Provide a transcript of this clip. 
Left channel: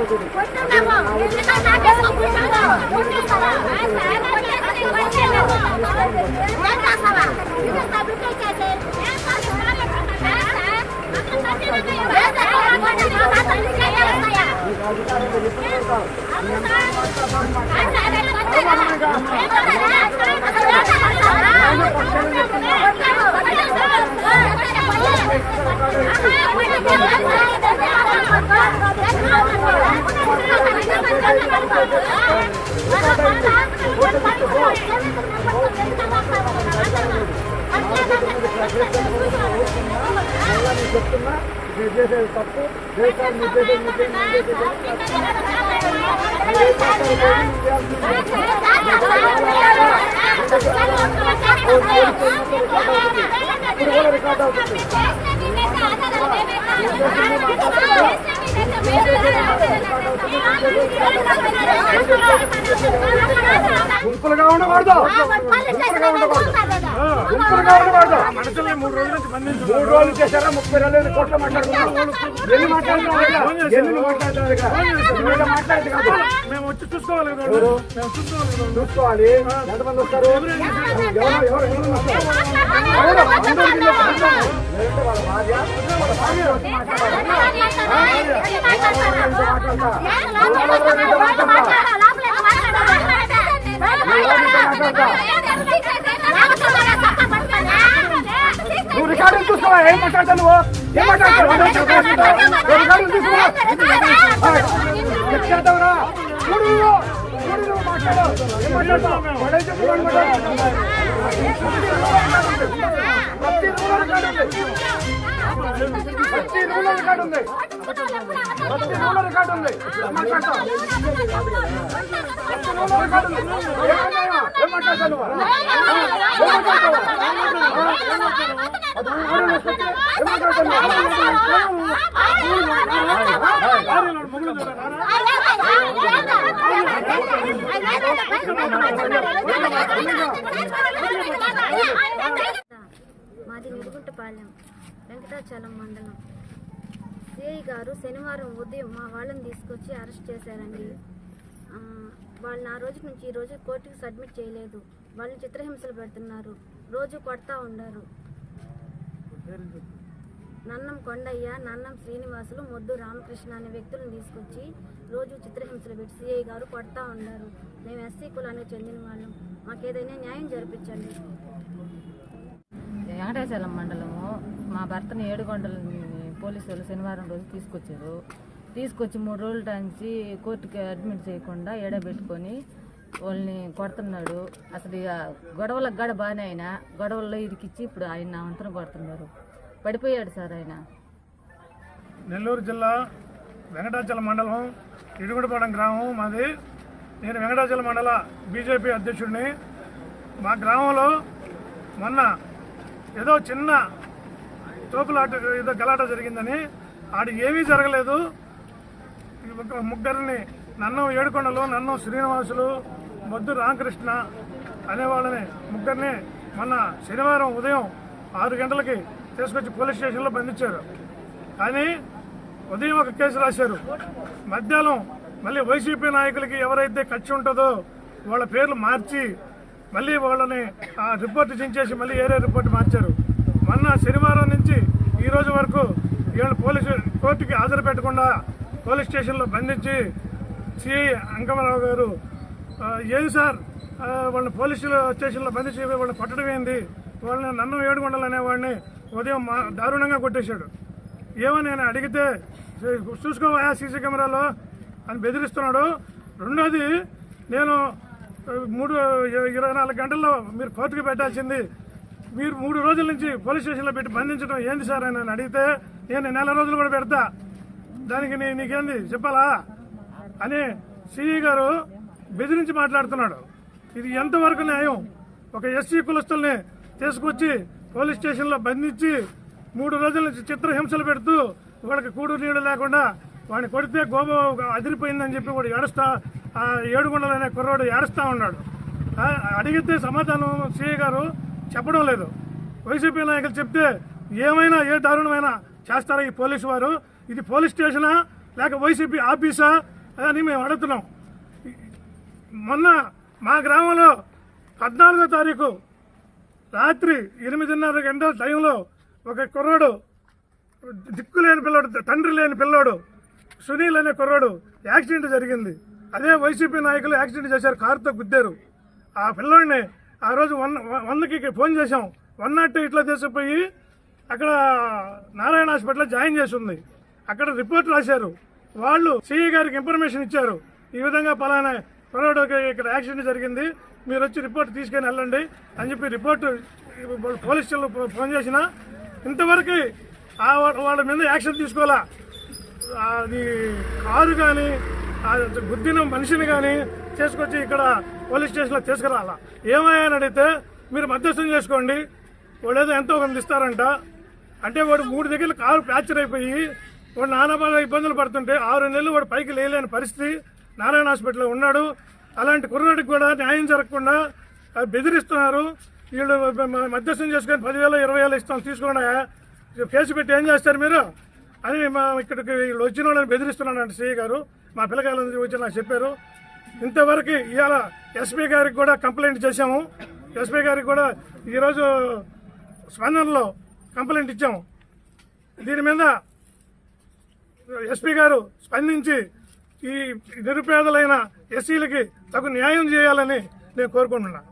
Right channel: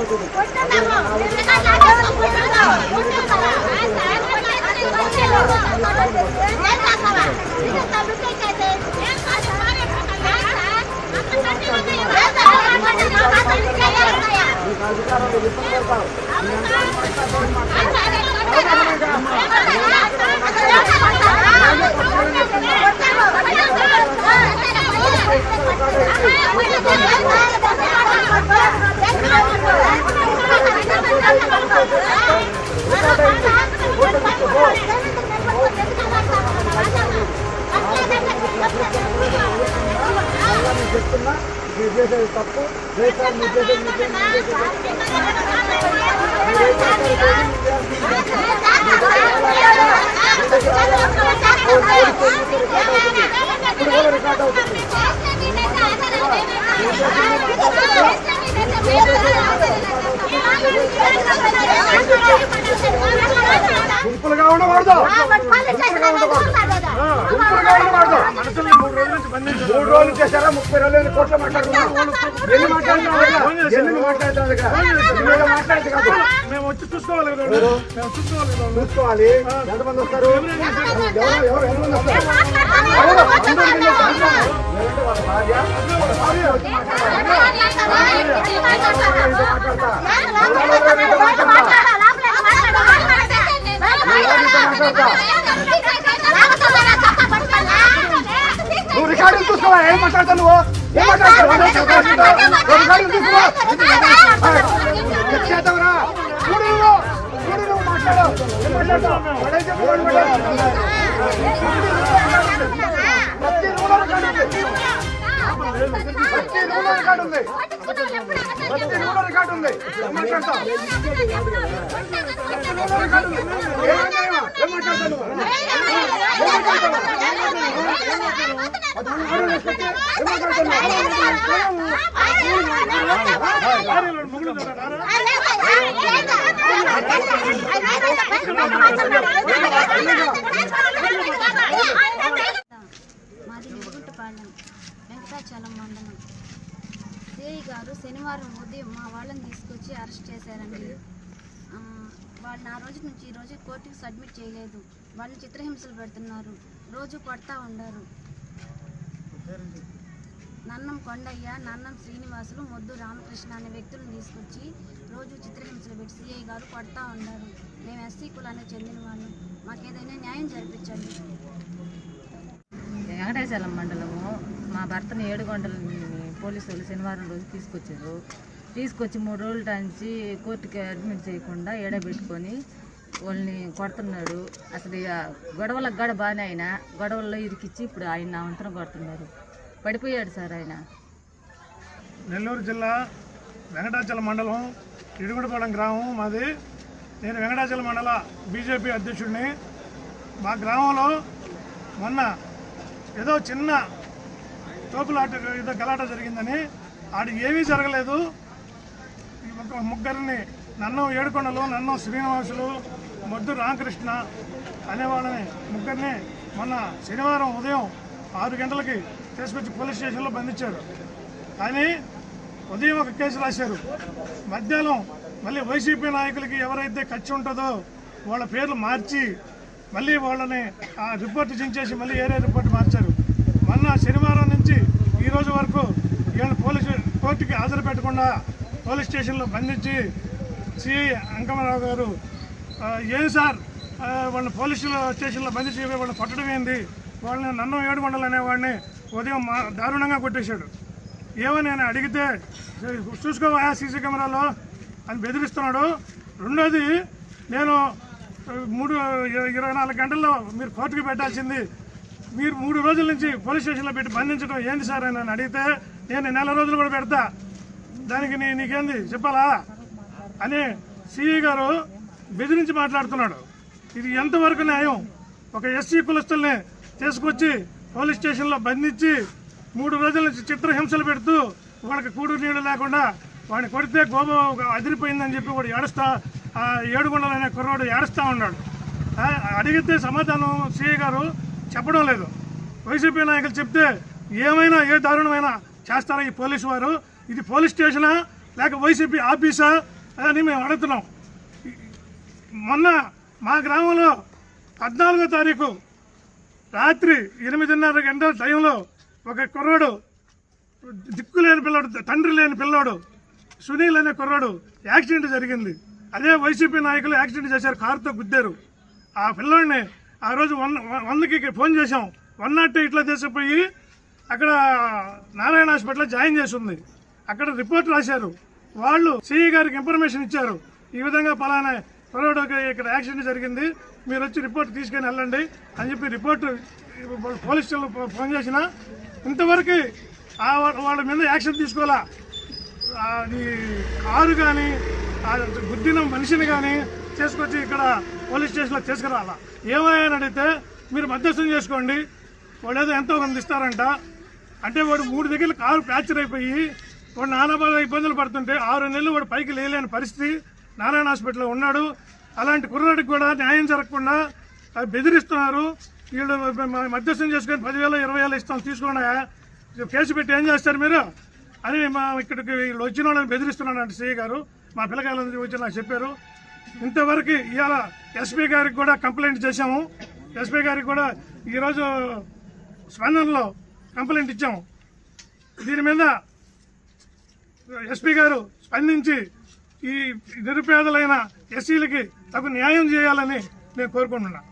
అవుతుంది నీకు ఇప్పుడు కూడా రికార్డ్ అవుతుంది గుంపులుగా ఉండకూడదు. గుంపులుగా ఉండకూడదు. గుంపులుగా ఉండకూడదు. మనుషులు మూడు రోజుల చేశారా ముప్పై రోజులు కోట్ల మాట్లాడుతున్నాం ఎన్ని మేము వచ్చి చూసుకోవాలి చూసుకోవాలి ఎంతమంది వస్తారు ఎవరు ఎవరు ఎంతమంది వస్తారు ఎవరు అందరికీ నేను చెప్తున్నాను. లేదంటే వాళ్ళ భార్య వాళ్ళ భార్య వచ్చి మాట్లాడాలి నీతో మాట్లాడతా వాళ్ళ నీతో మాట్లాడతా నువ్వు రికార్డులు చూసుకోవా ఏం మాట్లాడతావు నువ్వు ఏం మాట్లాడతావు నువ్వు రికార్డులు చూసుకోవా చెప్తావురా చూడు నువ్వు చూడు నువ్వు మాట్లాడు ఏం మాట్లాడతావు వాడే చెప్పు వాడు మాట్లాడు. ప్రతి రూలో రికార్డు ఉంది ప్రతి రూలో రికార్డు ఉంది ప్రతి రూలో రికార్డు ఉంది ఏం ప్రతి రూలో రికార్డు ఉంది ఏం మాట్లాడతావు? ఏం మాట్లాడతావు అది ఊరు ఊరు ఏం మాట్లాడతావు నువ్వు? భార్యలు నిరుగుంటపాలెం వెంకటాచలం మండలం. సిఐ గారు శనివారం ఉదయం మా వాళ్ళని తీసుకొచ్చి అరెస్ట్ చేశారండి. వాళ్ళని ఆ రోజు నుంచి ఈ రోజు కోర్టుకి సబ్మిట్ చేయలేదు. వాళ్ళని చిత్రహింసలు పెడుతున్నారు. రోజు కొడతా ఉన్నారు. నన్నం కొండయ్య నన్నం శ్రీనివాసులు మొద్దు రామకృష్ణ అనే వ్యక్తులను తీసుకొచ్చి రోజు చిత్రహింసలు పెట్టి సిఐ గారు కొడతా ఉన్నారు. మేము ఎస్సీ కులానికి చెందిన వాళ్ళం. మాకేదైనా న్యాయం జరిపించండి. వెంకటేశ్వరం మండలము. మా భర్తని ఏడుగొండల పోలీసులు శనివారం రోజు తీసుకొచ్చారు. తీసుకొచ్చి మూడు రోజుల నుంచి కోర్టుకి అడ్మిట్ చేయకుండా ఏడబెట్టుకొని వాళ్ళని కొడుతున్నాడు. అసలు ఇక గొడవలకు గడ బాగానే ఆయన గొడవల్లో ఇరికిచ్చి ఇప్పుడు ఆయన నా వంతున కొడుతున్నారు. పడిపోయాడు సార్ ఆయన. నెల్లూరు జిల్లా వెంకటాచల మండలం ఇడుగుడిపాలెం గ్రామం మాది. నేను వెంకటాచల మండల బీజేపీ అధ్యక్షుడిని. మా గ్రామంలో మొన్న ఏదో చిన్న తోపులాట ఏదో గలాట జరిగిందని ఆడికి ఏమీ జరగలేదు. ఈ ఒక ముగ్గురిని నన్నం ఏడుకొండలు నన్నం శ్రీనివాసులు మొద్దు రామకృష్ణ అనేవాళ్ళని ముగ్గురిని మొన్న శనివారం ఉదయం ఆరు గంటలకి తీసుకొచ్చి పోలీస్ స్టేషన్లో బంధించారు. కానీ ఉదయం ఒక కేసు రాశారు. మధ్యాహ్నం మళ్ళీ వైసీపీ నాయకులకి ఎవరైతే ఖర్చు ఉంటుందో వాళ్ళ పేర్లు మార్చి మళ్ళీ వాళ్ళని ఆ రిపోర్ట్ చించేసి మళ్ళీ ఏరే రిపోర్ట్ మార్చారు. మొన్న శనివారం నుంచి ఈ రోజు వరకు వీళ్ళు పోలీసు కోర్టుకి హాజరు పెట్టకుండా పోలీస్ స్టేషన్లో బంధించి సిఐ అంకమరావు గారు ఏం సార్ వాళ్ళని పోలీసు స్టేషన్లో బంధించి వాళ్ళని పట్టడం ఏంది? వాళ్ళని నన్ను ఏడుగొండలు అనేవాడిని ఉదయం మా దారుణంగా కొట్టేశాడు. ఏమో నేను అడిగితే చూసుకోవా సీసీ కెమెరాలో అని బెదిరిస్తున్నాడు. రెండోది నేను మూడు ఇరవై నాలుగు గంటల్లో మీరు కోర్టుకి పెట్టాల్సింది. మీరు మూడు రోజుల నుంచి పోలీస్ స్టేషన్లో పెట్టి బంధించడం ఏంది సార్ అని నన్ను అడిగితే నేను నెల రోజులు కూడా పెడతా. దానికి నీ నీకేంది? చెప్పాలా? అని సిఈ గారు బెదిరించి మాట్లాడుతున్నాడు. ఇది ఎంతవరకు న్యాయం? ఒక ఎస్సీ కులస్తుల్ని తీసుకొచ్చి పోలీస్ స్టేషన్లో బంధించి మూడు రోజుల నుంచి చిత్రహింసలు పెడుతూ వాళ్ళకి కూడు నీళ్ళు లేకుండా వాడిని కొడితే గోబ అదిరిపోయిందని చెప్పి వాడు ఏడుస్తా ఏడుగుండలు అనే కుర్రాడు ఏడుస్తా ఉన్నాడు. అడిగితే సమాధానం సిఐ గారు చెప్పడం లేదు. వైసీపీ నాయకులు చెప్తే ఏమైనా ఏ దారుణమైనా చేస్తారా ఈ పోలీసు వారు? ఇది పోలీస్ స్టేషనా? లేక వైసీపీ ఆఫీసా? అని మేము అడుగుతున్నాం. మొన్న మా గ్రామంలో పద్నాలుగో తారీఖు రాత్రి ఎనిమిదిన్నర గంటల టైంలో ఒక కుర్రాడు దిక్కు లేని పిల్లోడు తండ్రి లేని పిల్లోడు సునీల్ అనే కుర్రాడు యాక్సిడెంట్ జరిగింది. అదే వైసీపీ నాయకులు యాక్సిడెంట్ చేశారు కారుతో గుద్దారు. ఆ పిల్లోడిని ఆ రోజు వన్ వందకి ఫోన్ చేశాం. వన్ నాట్ ఇట్లా తీసుకుపోయి అక్కడ నారాయణ హాస్పిటల్లో జాయిన్ చేసి ఉంది అక్కడ రిపోర్ట్ రాశారు. వాళ్ళు సిఈ గారికి ఇన్ఫర్మేషన్ ఇచ్చారు. ఈ విధంగా పలానా కుర్రాడుకి ఇక్కడ యాక్సిడెంట్ జరిగింది. మీరు వచ్చి రిపోర్ట్ తీసుకొని వెళ్ళండి అని చెప్పి రిపోర్ట్ పోలీస్ స్టేషన్లో ఫోన్ చేసినా. ఇంతవరకు ఆ వాళ్ళ మీద యాక్షన్ తీసుకోవాలా? అది కారు కానీ గుడ్డిన మనిషిని కానీ చేసుకొచ్చి ఇక్కడ పోలీస్ స్టేషన్లో తీసుకురాలా? ఏమయ్యాని అడిగితే మీరు మధ్యస్థం చేసుకోండి. వాడు ఏదో ఎంతో కొంత ఇస్తారంట. అంటే వాడు మూడు దగ్గర కారు ఫ్రాక్చర్ అయిపోయి వాడు నానా బాధ ఇబ్బందులు పడుతుంటే ఆరు నెలలు వాడు పైకి లేలేని పరిస్థితి. నారాయణ హాస్పిటల్లో ఉన్నాడు. అలాంటి కుర్రాడికి కూడా న్యాయం జరగకుండా బెదిరిస్తున్నారు. వీళ్ళు మధ్యస్థం చేసుకొని పదివేలు ఇరవై వేలు ఇస్తాం తీసుకోండి కేసు పెట్టి ఏం చేస్తారు మీరు? అని మా ఇక్కడికి వీళ్ళు వచ్చిన వాళ్ళని బెదిరిస్తున్నాడు సిఐ గారు మా పిల్లకాయలు వచ్చి నాకు చెప్పారు. ఇంతవరకు ఇవాళ ఎస్పీ గారికి కూడా కంప్లైంట్ చేశాము. ఎస్పీ గారికి కూడా ఈరోజు స్పందనలో కంప్లైంట్ ఇచ్చాము. దీని మీద ఎస్పీ గారు స్పందించి ఈ నిరుపేదలైన ఎస్సీలకి తగు న్యాయం చేయాలని నేను కోరుకుంటున్నాను